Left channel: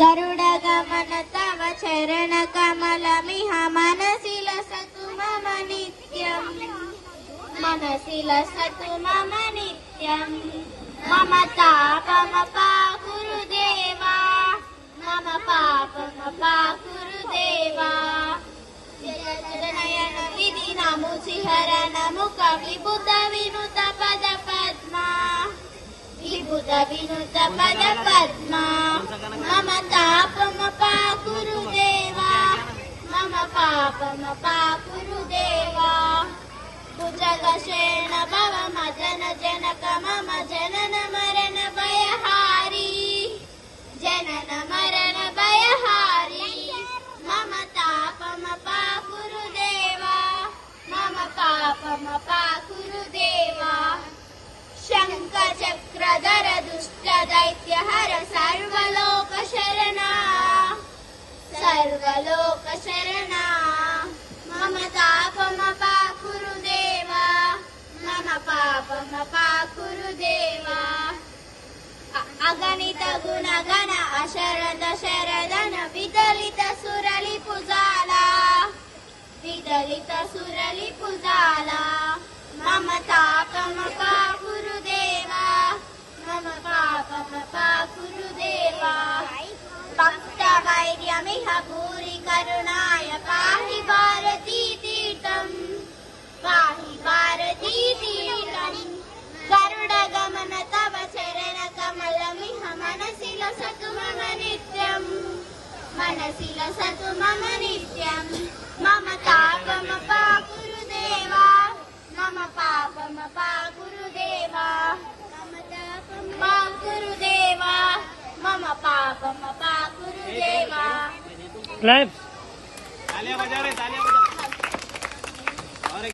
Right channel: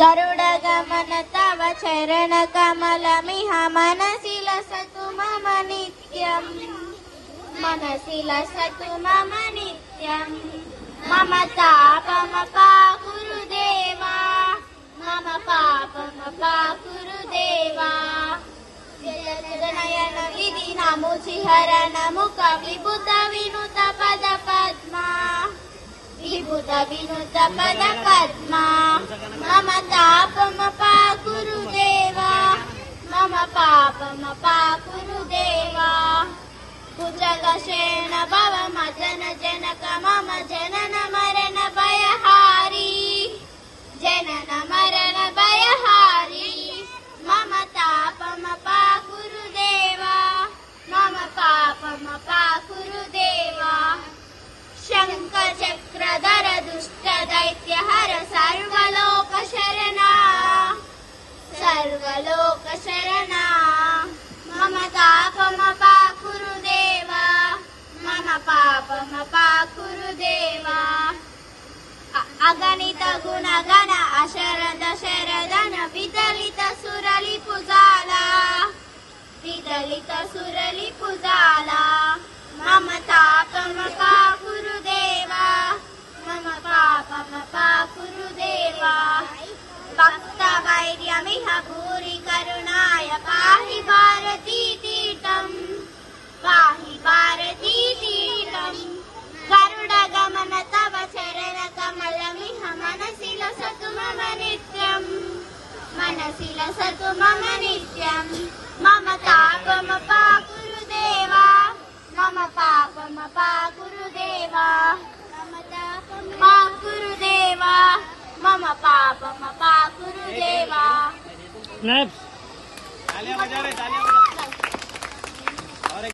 गरुड गमन तव चरण कमलमिह मनसि लसतु मम नित्यम् मनसि लसतु मम नित्यम् मम तापमपाकुरु देवा मम पापमपाकुरु देवा नयन विधि नमुसिहरण मुख विभुत विनुत पद पद्मा विभुत विनुत पद पद्मा मम तापमपाकुरु देवा मम पापमपाकुरु देवा कुशलशेन भव मदन जनक मम जनन मरण भयहारी जनन मरण भयहारी मम तापमपाकुरु देवा मम पापमपाकुरु देवा शंख चक्रधर दुष्ट दैत्य हर सर्वलोक शरणा सर्वलोक शरणा मम तापमपाकुरु देवा मम पापमपाकुरु देवा अगणित गुण गण अशरद शरदन विदलित सुरलि पुजाला विदलित सुरलि पुजाला मम तापमपाकुरु देवा मम पापमपाकुरु देवा भक्त वैर्यमिह भूरि करुणाय पाहि भारती तीर्थम् पाहि भारती तीर्थम् गरुड गमन तव चरण कमलमिह मनसि लसतु मम नित्यम् मनसि लसतु मम नित्यम् मम तापमपाकुरु देवा मम पापमपाकुरु देवा मम तापमपाकुरु देवा मम पापमपाकुरु देवा क्लैप्स तालियां बजा रहे तालियां बजा